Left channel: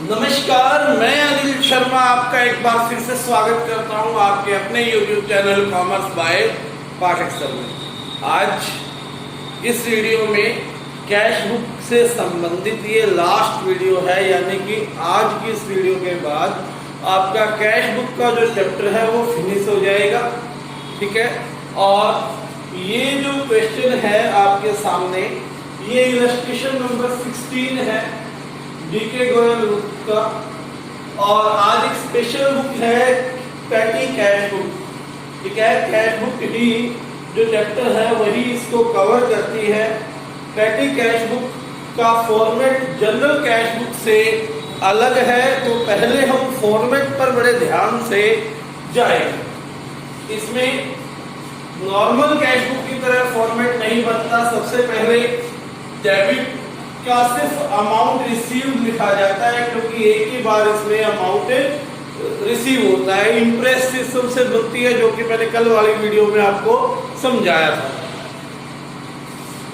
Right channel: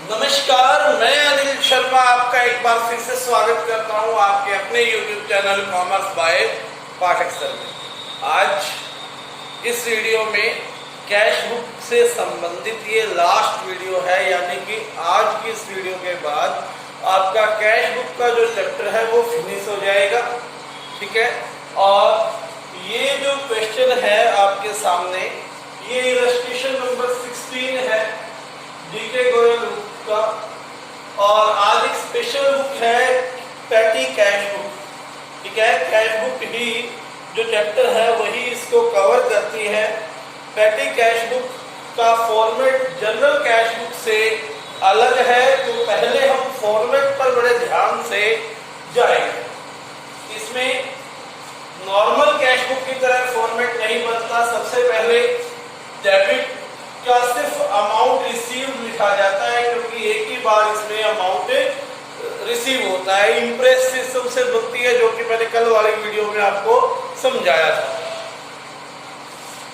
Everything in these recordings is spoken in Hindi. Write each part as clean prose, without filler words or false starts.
नमस्कार, मैं अनिल शर्मा आपका एक बार फिर से स्वागत करता हूं आपके अपने YouTube channel commerce by Pathak sir में। आज इस वीडियो में कैश बुक से संबंधित ये लास्ट वीडियो है, यानी कि आज की इस वीडियो के बाद आपका कैश बुक का जो चैप्टर है वो फिनिश हो जाएगा। ठीक है, और ये जो क्वेश्चन है आपके सामने, ये इलस्ट्रेशन नंबर 16 है डीके गोयल बुक का, और आज एक स्पेशल बुक है पैटी कैश बुक। ठीक है, कैश बुक ही जो चैप्टर है वही इसको कवर करती है। पैटी कैश बुक का फॉर्मेट जनरल कैश बुक से अलग है, तो पहले हम फॉर्मेट पर बड़े ध्यान से जाएंगे। इसमें नॉर्मल कैश बुक की तरह फॉर्मेट नहीं बनता। सबसे पहले डेबिट का सिर्फ अमाउंट रिसीव लिखा जाता है, क्योंकि एक ही बार इसमें अमाउंट रिसीव होता है। इंप्रेस सिस्टम से बनती है, जो कि मैंने कल वाली वीडियो में आपको समझाया था।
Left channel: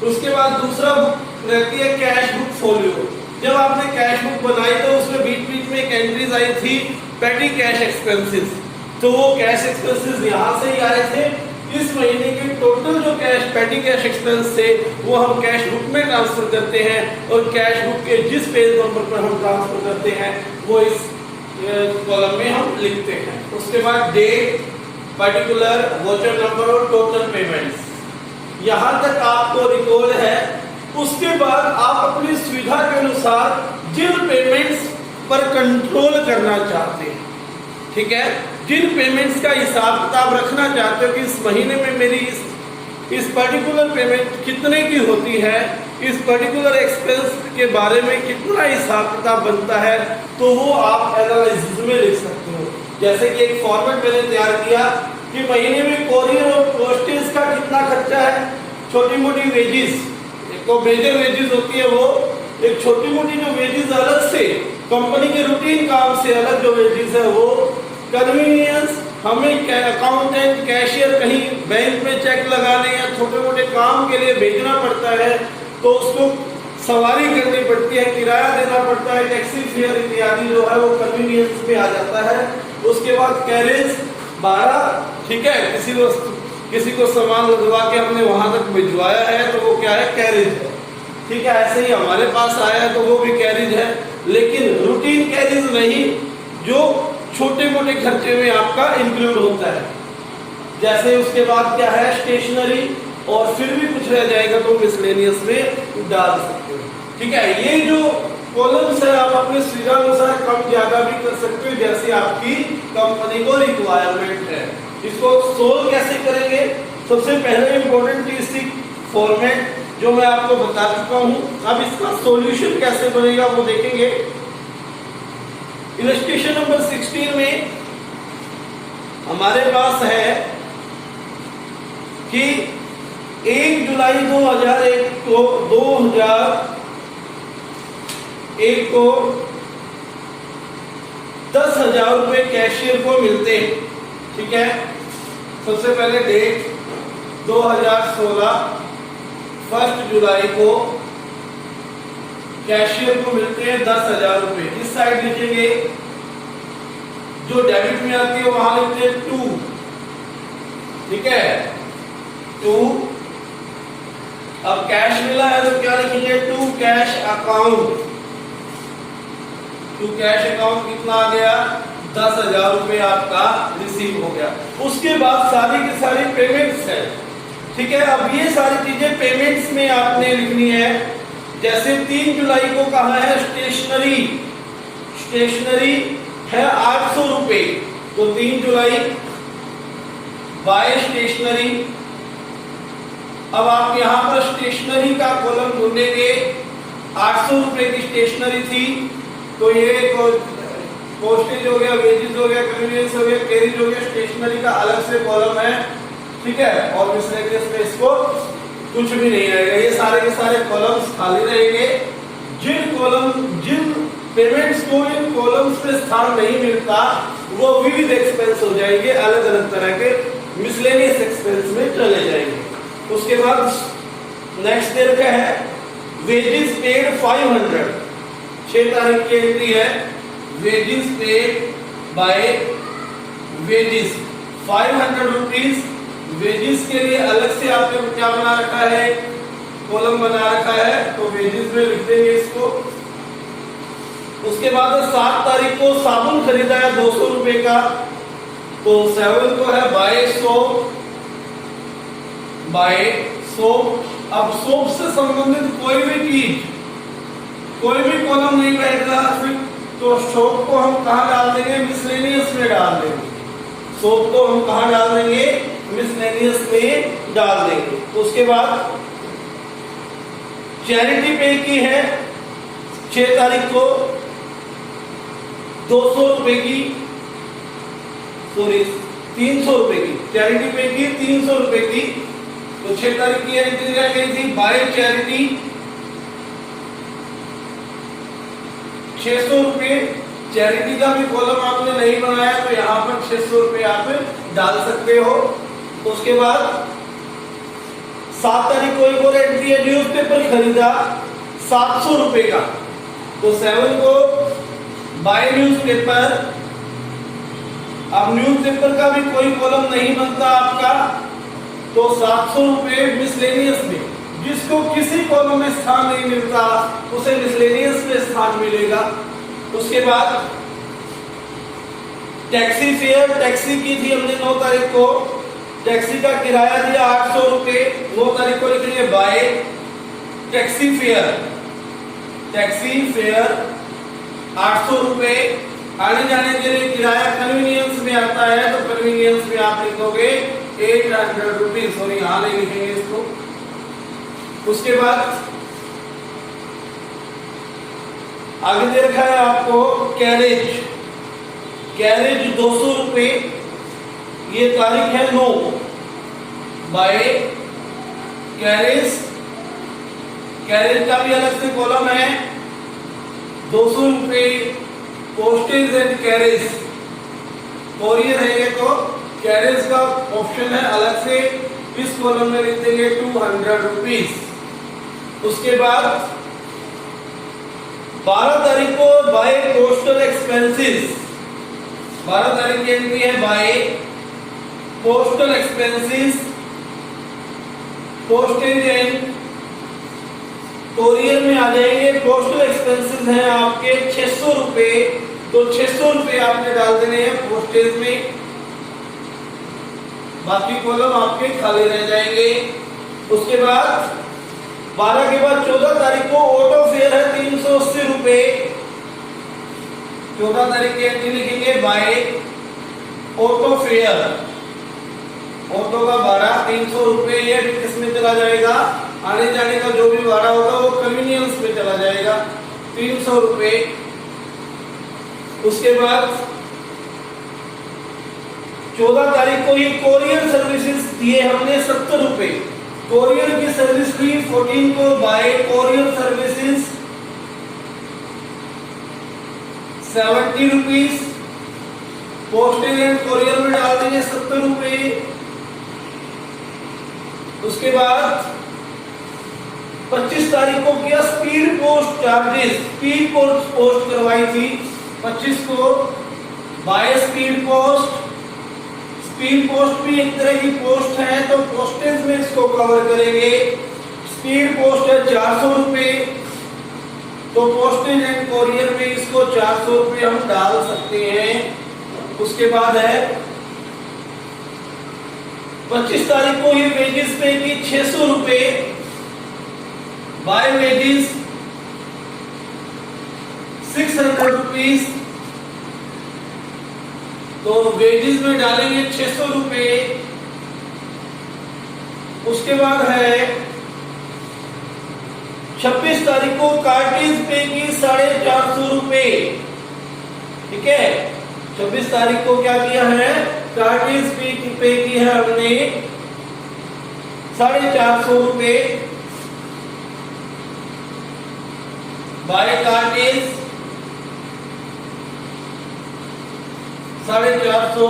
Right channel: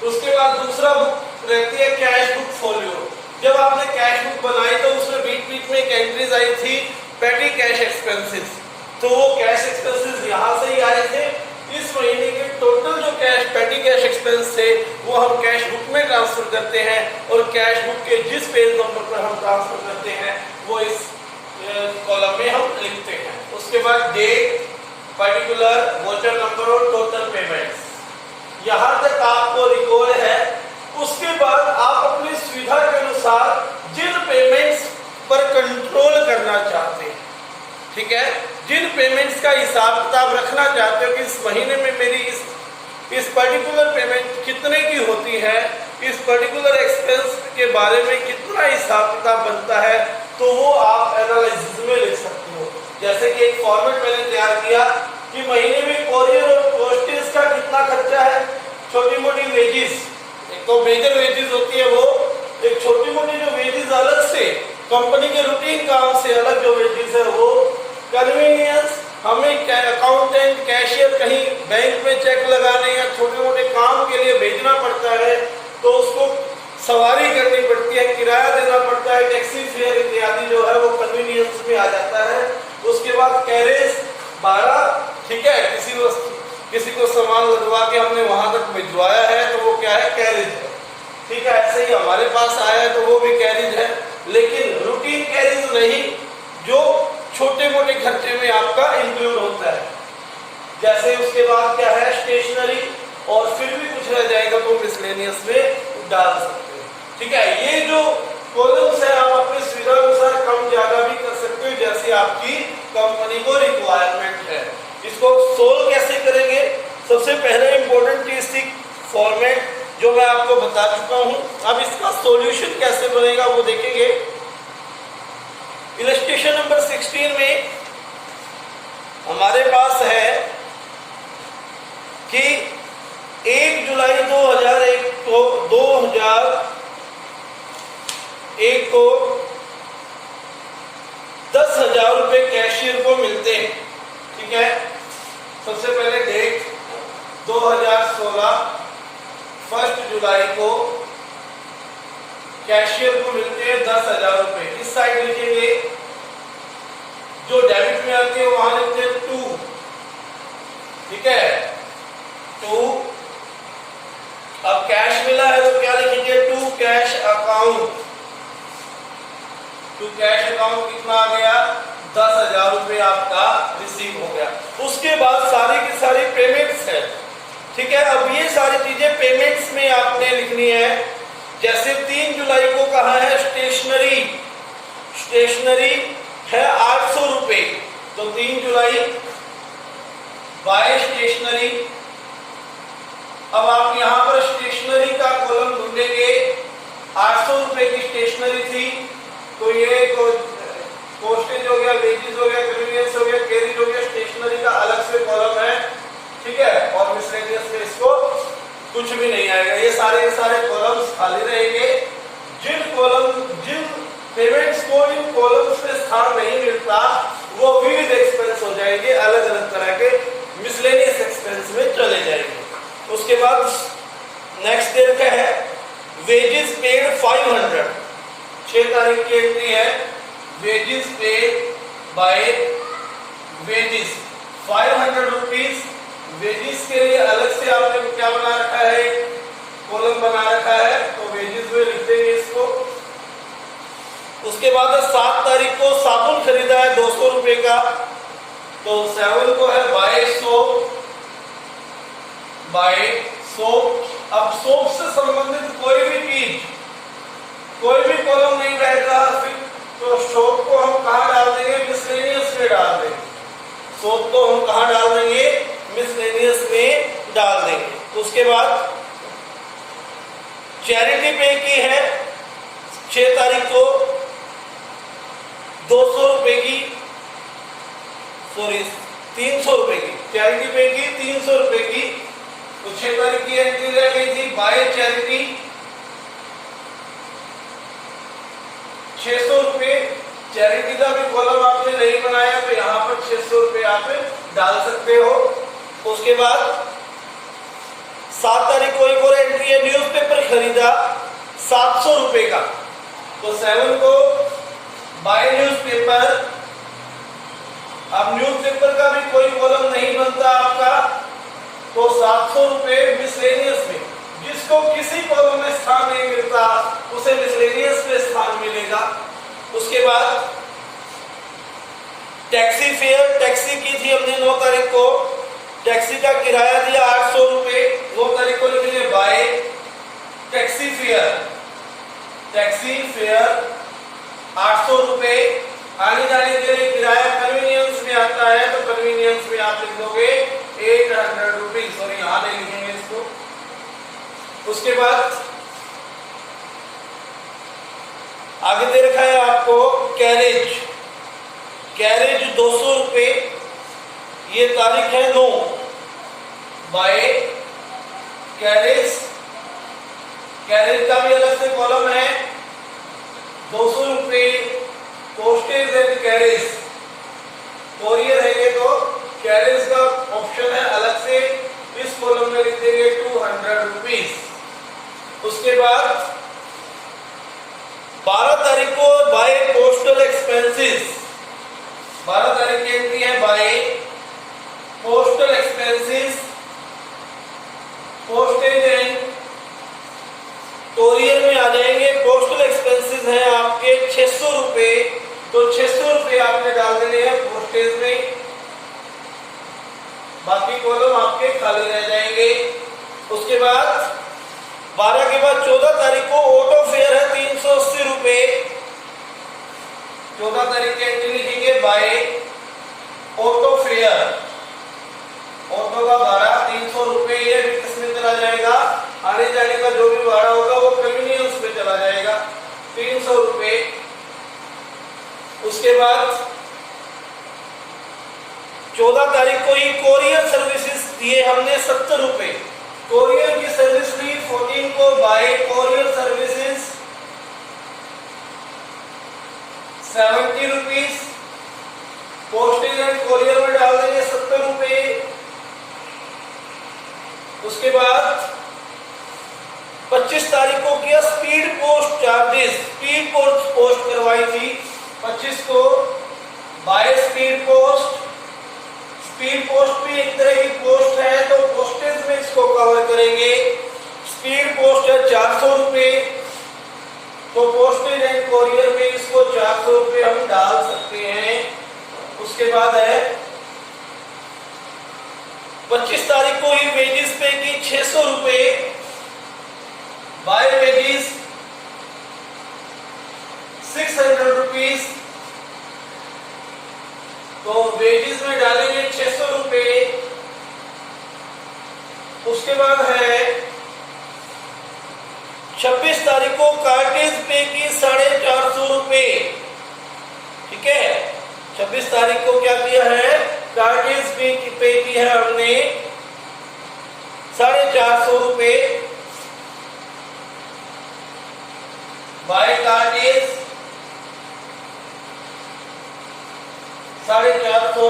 उसके बाद दूसरा बुक रहती है कैश बुक फोलियो। जब आपने कैश बुक बनाई तो उसमें बीच बीच में एक एंट्रीज आई थी पेटी कैश एक्सपेंसेस, तो वो कैश एक्सपेंसेस यहाँ से ही आए थे। इस महीने के टोटल जो कैश पेटी कैश एक्सपेंस थे वो हम कैश बुक में ट्रांसफर करते हैं, और कैश बुक के जिस पेज नंबर पर हम ट्रांसफर करते हैं वो इस कॉलम में हम लिखते हैं। उसके बाद डेट, पर्टिकुलर, वोचर नंबर और टोटल पेमेंट्स, यहाँ तक आपको रिकॉर्ड है। उसके बाद आप अपनी सुविधा के अनुसार जिन पेमेंट्स पर कंट्रोल करना चाहते हैं, ठीक है, जिन पेमेंट्स का हिसाब किताब रखना चाहते हो कि इस महीने में मेरी इस पर्टिकुलर पेमेंट कितने की होती है, इस पर्टिकुलर एक्सपेंस के बारे में कितना हिसाब किताब बनता है, तो वो आप एनालिसिस में लिख सकते हो। जैसे कि एक फॉर्मेट मैंने तैयार किया कि महीने में कोरियर और पोस्टेज का कितना खर्चा है, छोटी मोटी वेजिस, तो मेजर वेजिस होती है वो, एक छोटी मोटी जो वेजिस अलग से कंपनी के रूटीन काम से अलग जो वेजिस है वो, कन्वीनियंस, हमें अकाउंटेंट कैशियर कहीं बैंक में चेक लगाने या छोटे मोटे काम के लिए भेजना पड़ता है तो उसको सवारी करनी पड़ती है, किराया देना पड़ता है, टैक्सी फेयर इत्यादि जो है वो कन्वीनियंस में आ जाता है। उसके बाद कैरेज भाड़ा, ठीक है, किसी को सामान लदवा के हमने वहां तक भिजवाया है तो वो क्या है, कैरेज है। ठीक है, ऐसे ही हमारे पास आया है तो वो भी कैरेज है, लेकिन रूटीन कैरेज नहीं, जो छोटे मोटे खर्चे में आपका इंक्लूड होता है। जैसे उसके बाद क्या है, स्टेशनरी, और फिर भी कुछ रह जाएगा तो मिसलेनियस में डाल सकते हो। ठीक है, ये जो कॉलम्स है आप अपने सुविधा अनुसार कम ज्यादा भी कर सकते हो, जैसे आपकी कंपनी को रिक्वायरमेंट है। इसको सोल्व कैसे करेंगे, सबसे पहले इंपॉर्टेंट चीज थी फॉर्मेट, जो मैं आपको बता चुका हूं। अब इसका सॉल्यूशन कैसे बनेगा वो देखेंगे। इलस्ट्रेशन नंबर 16 में हमारे पास है कि 1 जुलाई 2001 को 10,000 रुपए कैशियर को मिलते हैं। ठीक है, सबसे पहले डेट 2016 1 जुलाई को कैशियर को मिलते हैं 10,000 रुपए। इस साइड लिखेंगे, जो डेबिट में आती है वहां लिखते हैं 2। ठीक है, 2। अब कैश मिला है तो क्या लिखेंगे, to cash account. To cash account कितना आ गया, 10,000 रुपए आपका रिसीव हो गया। उसके बाद सारी की सारी पेमेंट्स है। ठीक है, अब ये सारी चीजें पेमेंट्स में आपने लिखनी है। जैसे 3 जुलाई को कहा है स्टेशनरी, स्टेशनरी है 800 रुपए, तो 3 जुलाई बाय स्टेशनरी। अब आप यहां पर स्टेशनरी का कॉलम ढूंढेंगे, 800 रुपए की स्टेशनरी थी, तो ये पोस्टेज हो गया, वेजेस हो गया, कन्वीनियंस हो गया, कैरेज हो गया, स्टेशनरी का अलग से कॉलम है। ठीक है, और मिसलेनियस में इसको कुछ भी नहीं आएगा, ये सारे के सारे कॉलम्स खाली रहेंगे। जिन पेमेंट्स को इन कॉलम्स में स्थान नहीं मिलता वो विविध एक्सपेंस हो जाएंगे, अलग अलग तरह के मिसलेनियस एक्सपेंस में चले जाएंगे। उसके बाद नेक्स्ट डेट क्या है, वेजेस पेड 500, 6 तारीख की एंट्री है, wages paid by wages 500 rupees wages के लिए अलग से आपने क्या बना रखा है, कॉलम बना रखा है, तो वेजेस में लिख देंगे इसको। उसके बाद 7 तारीख को साबुन खरीदा है 200 रुपए का, तो 7 को है बाय सोप। अब सोप से संबंधित कोई भी चीज, कोई भी कॉलम नहीं बैठना, तो सोप को हम कहाँ डाल देंगे, मिसलेनियस में डाल देंगे। सोप को हम कहाँ डाल देंगे, मिसलेनियस में डाल देंगे। तो उसके बाद चैरिटी पे की है 6 तारीख को 200 रुपए की, सॉरी 300 रुपए की, चैरिटी पे की 300 रुपए की। तो 6 तारीख की एंट्री रह गई थी बाय चैरिटी 600 रुपए। चैरिटी का भी कॉलम आपने नहीं बनाया तो यहाँ पर 600 रुपए आप डाल सकते हो। उसके बाद 7 तारीख को एक और एंट्री है, न्यूज़पेपर खरीदा 700 रुपए का, तो 7 को बाय न्यूज़पेपर। अब न्यूज़पेपर का भी कोई कॉलम नहीं बनता आपका, तो 700 रुपए मिसलेनियस में, जिसको किसी कॉलम में स्थान नहीं मिलता उसे मिसलेनियस में स्थान मिलेगा। उसके बाद टैक्सी फेयर, टैक्सी की थी हमने 9 तारीख को, टैक्सी का किराया दिया 800 रुपए, 9 तारीख को लिखेंगे bye taxi fare. Taxi fare 800 रुपए, आने जाने के लिए किराया कन्वीनियंस में आता है, तो कन्वीनियंस में आप लिखोगे 800 रुपीज, सॉरी यहाँ नहीं लिखेंगे इसको। उसके बाद आगे दे रखा है आपको कैरेज, कैरेज 200 रुपए, ये तारीख है 9, बाय कैरेज। कैरेज का भी अलग से कॉलम है 200 रुपए। पोस्टेज एंड कैरेज, कोरियर है तो कैरेज का ऑप्शन है अलग से, इस कॉलम में लिख देंगे 200 रुपीज। उसके बाद 12 तारीख को बाय पोस्टल एक्सपेंसेस, 12 तारीख की एंट्री है by postal expenses. Postage and courier में आ जाएंगे। पोस्टल एक्सपेंसेस हैं आपके 600 रुपए, तो 600 रुपए आपने डाल देने हैं पोस्टेज में, बाकी कॉलम आपके खाली रह जाएंगे। उसके बाद 12 के बाद 14 तारीख को ऑटो फेयर है 380 रुपए, 14 तारीख की एंट्री लिखेंगे बाय ऑटो फेयर। ऑटो का भाड़ा 300 रुपए, ये किसमें चला जाएगा, आने जाने का जो भी भाड़ा होगा वो कन्वीनियंस में चला जाएगा, 300 रुपए। उसके बाद 14 तारीख को ये कोरियर सर्विसेज दिए हमने 70 रुपए, कोरियर की सर्विस फी 14 को bye courier services 70 rupees. Postage and courier में डाल देंगे 70 रुपए। उसके बाद 25 तारीख को किया speed post charges, speed post करवाई थी 25 को by speed post. Speed post भी एक तरह की पोस्ट है, तो पोस्टेज में इसको कवर करेंगे। स्पीड पोस्ट है 400 रुपए, तो पोस्टेज एंड कोरियर में इसको 400 रुपए हम डाल सकते हैं। उसके बाद है 25 तारीख को ये वेजेस पे की 600 रुपए, बाय वेजेस 600 रुपीज, तो वेजेस में डालेंगे 600 रुपए। उसके बाद है 26 तारीख को कार्टेज पे की 450 रुपए, ठीक है। 26 तारीख को क्या किया है, कार्टेज पे की है हमने 450 रुपए बाय कार्टेज 450,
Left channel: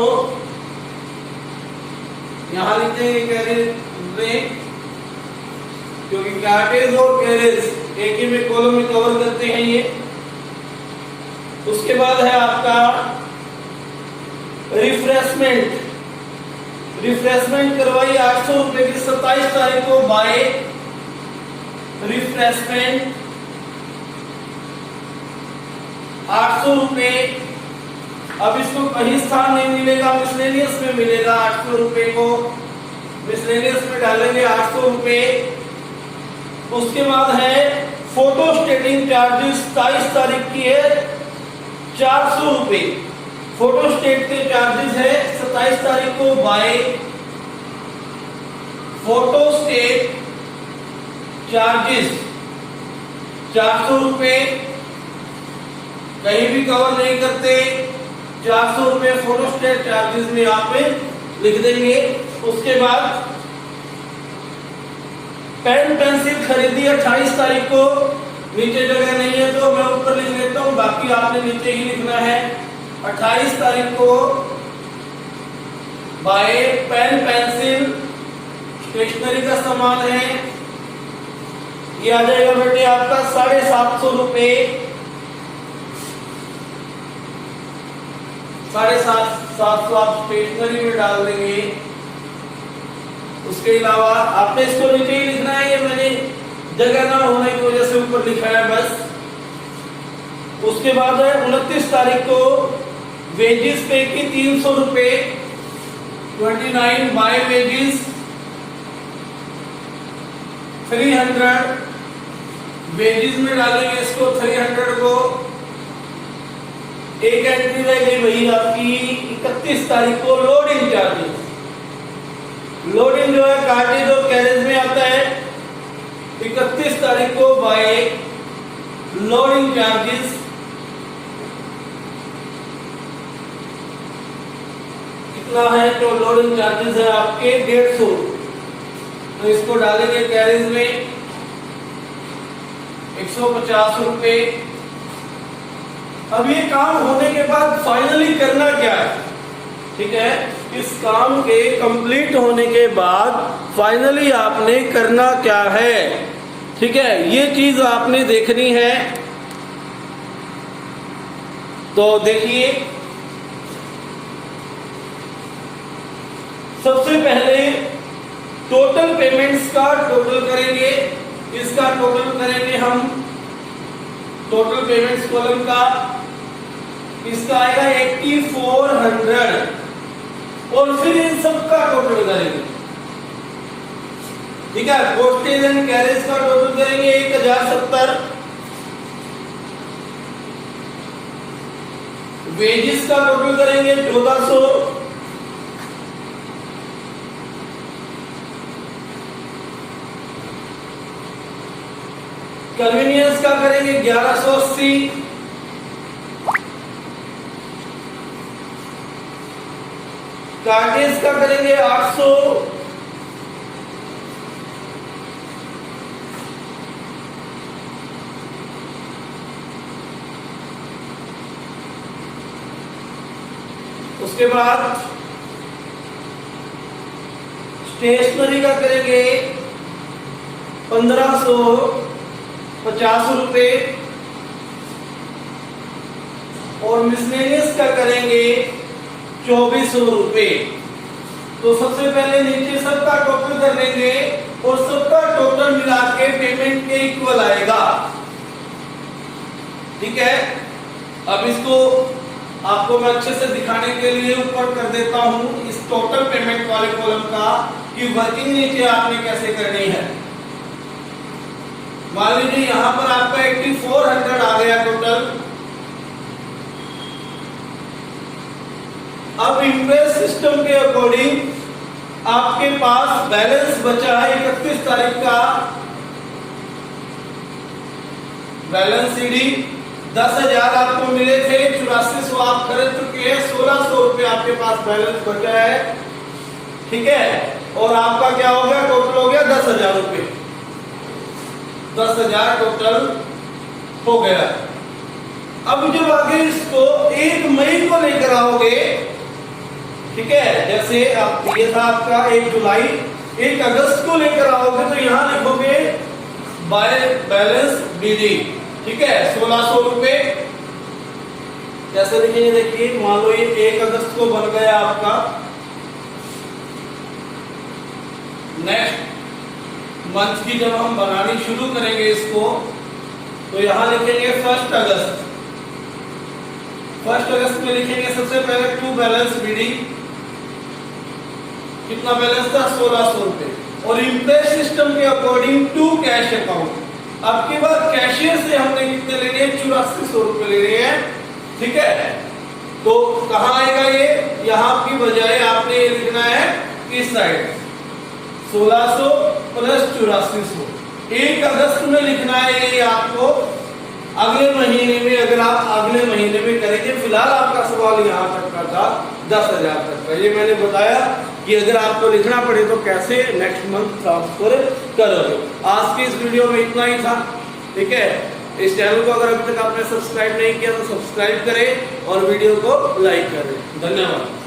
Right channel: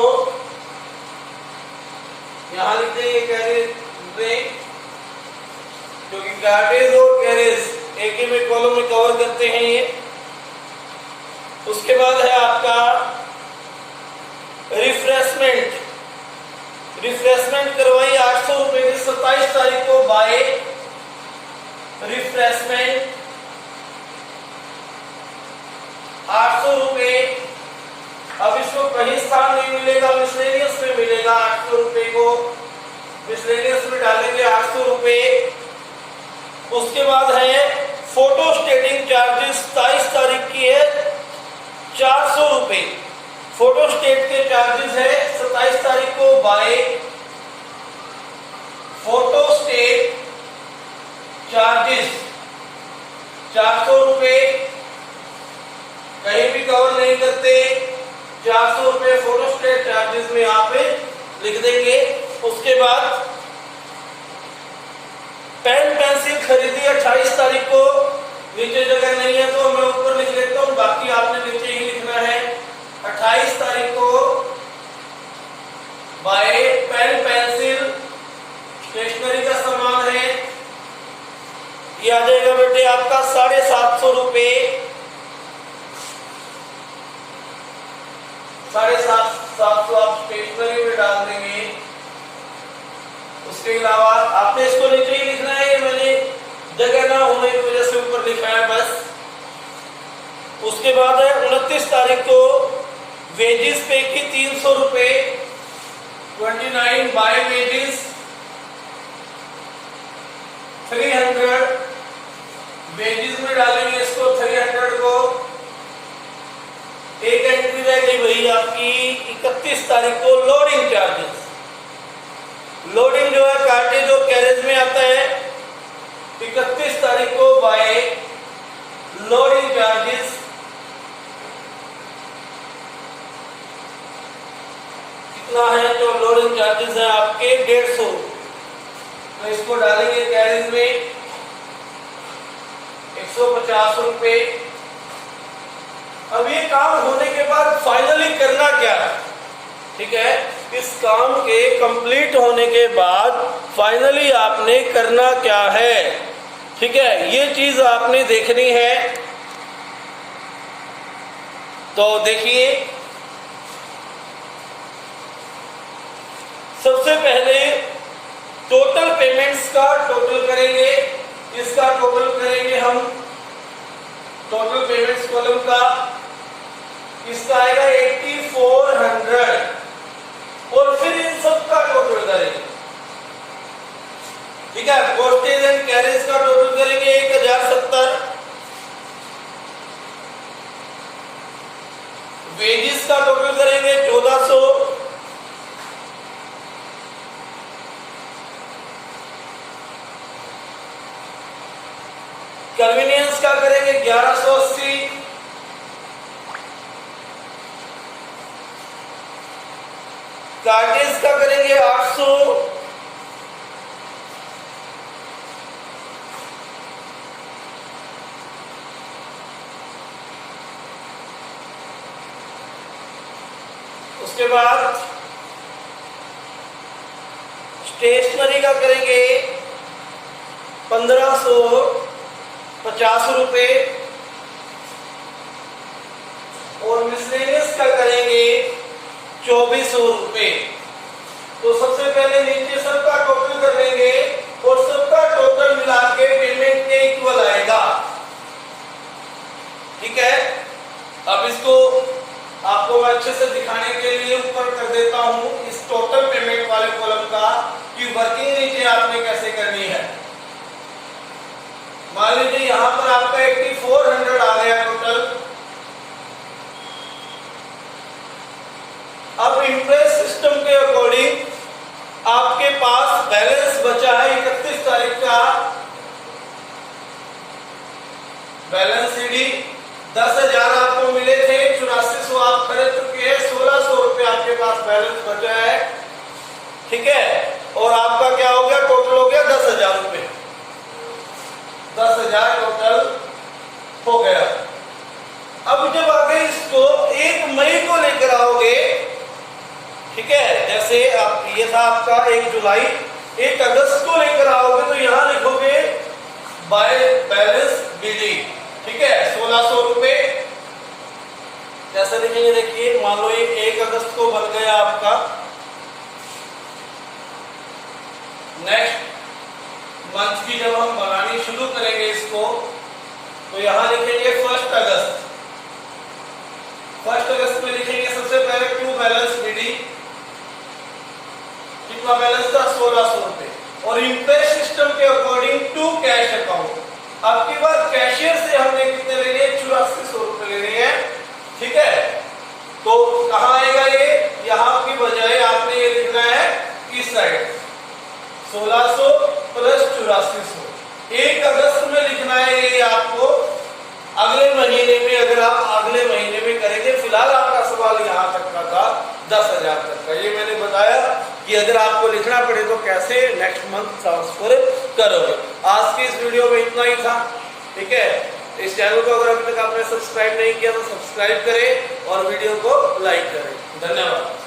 यहां लिख देंगे कैरेज में, क्योंकि कार्टेज और कैरेज एक ही में कॉलम में कवर करते हैं ये। उसके बाद है आपका रिफ्रेशमेंट। रिफ्रेशमेंट करवाई 800 रुपए की 27 तारीख को बाय रिफ्रेशमेंट 800 रुपए। अब इसको कहीं स्थान नहीं मिलेगा, मिसलेनियस में मिलेगा 800 रुपए को, मिसलेनियस में डालेंगे 800 रुपए। उसके बाद है फोटो स्टेटिंग चार्जेस 27 तारीख की है 400 रुपए। फोटो स्टेट के चार्जेस है 27 तारीख को बाय फोटो स्टेट चार्जेस 400 रुपए। कहीं भी कवर नहीं करते, 400 रुपए फोटो स्टेट चार्जेस में यहाँ पे लिख देंगे। उसके बाद पेन पेंसिल खरीदी 28 तारीख को, नीचे जगह नहीं है तो मैं ऊपर लिख लेता हूं, बाकी आपने नीचे ही लिखना है। 28 तारीख को बाय पेन पेंसिल स्टेशनरी का सामान है, ये आ जाएगा बेटे आपका 750 रुपए। 750 आप स्टेशनरी में डाल देंगे। उसके अलावा आपने इसको नीचे ही लिखना है, ये मैंने जगह ना होने की वजह से ऊपर लिखा है बस। उसके बाद है 29 तारीख को वेजेस पे की 300 रुपए 29 बाय वेजेस 300 वेजेस में डालेंगे इसको 300 को। एक एंट्री रह गई वही आपकी 31 तारीख को लोडिंग चार्जेस। लोडिंग जो है कार्टेज और कैरेज में आता है 31 तारीख को बाय लोडिंग चार्जेस कितना है, जो लोडिंग चार्जेस है आपके 150, तो इसको डालेंगे कैरेज में 150 रुपए। अब ये काम होने के बाद फाइनली करना क्या है, ठीक है, इस काम के कंप्लीट होने के बाद फाइनली आपने करना क्या है, ठीक है, ये चीज आपने देखनी है। तो देखिए सबसे पहले टोटल पेमेंट्स का टोटल करेंगे, इसका टोटल करेंगे हम, टोटल पेमेंट्स कॉलम का इसका आएगा 8400 और फिर इन सब का टोटल करेंगे, ठीक है। पोस्टेज एंड कैरेज का टोटल करेंगे 1070, वेजेस का टोटल करेंगे 1400, कन्वीनियंस का करेंगे 1180, कार्टेज का करेंगे 800, उसके बाद स्टेशनरी का करेंगे 1550 रुपए और मिसलेनियस का करेंगे 2400 रुपए। तो सबसे पहले नीचे सबका टोटल कर लेंगे और सबका टोटल मिला के पेमेंट के इक्वल आएगा, ठीक है। अब इसको आपको मैं अच्छे से दिखाने के लिए ऊपर कर देता हूं इस टोटल पेमेंट वाले कॉलम का कि वर्किंग नीचे आपने कैसे करनी है। मान लीजिए यहां पर आपका 8400 आ गया टोटल। अब इंटरेस्ट सिस्टम के अकॉर्डिंग आपके पास बैलेंस बचा है 31 तारीख का बैलेंस सीडी 10,000 आपको मिले थे, 8400 आप खरीद चुके हैं, 1600 रुपए आपके पास बैलेंस बचा है, ठीक है। और आपका क्या हो गया, टोटल हो गया 10,000 रुपए, 10,000 टोटल हो गया। अब जब आगे इसको 1 मई को लेकर आओगे, ठीक है, जैसे आप ये था आपका 1 जुलाई, 1 अगस्त को लेकर आओगे तो यहां लिखोगे बाय बैलेंस बिलिंग, ठीक है, 1600 रुपए कैसे लिखेंगे देखिए, मान लो ये 1 अगस्त को बन गया आपका, नेक्स्ट मंथ की जब हम बनानी शुरू करेंगे इसको, तो यहां लिखेंगे 1 अगस्त। 1 अगस्त में लिखेंगे सबसे पहले टू बैलेंस बीडी, कितना बैलेंस था 1600 रुपए, और इंटरेस्ट सिस्टम के अकॉर्डिंग टू कैश अकाउंट। अब की बार कैशियर से हमने कितने लेने हैं, 8400 रुपए लेने हैं, ठीक है। तो कहां आएगा ये, यहां की बजाय आपने ये लिखना है इस साइड 1600 प्लस 8400। 1 अगस्त में लिखना है ये आपको, अगले महीने में अगर आप अगले महीने में करेंगे। फिलहाल आपका सवाल यहाँ तक का था 10,000 तक का, ये मैंने बताया कि अगर आपको लिखना पड़े तो कैसे नेक्स्ट मंथ ट्रांसफर करोगे। आज की इस वीडियो में इतना ही था, ठीक है। इस चैनल को अगर अभी तक आपने सब्सक्राइब नहीं किया तो सब्सक्राइब करें और वीडियो को लाइक करें। धन्यवाद।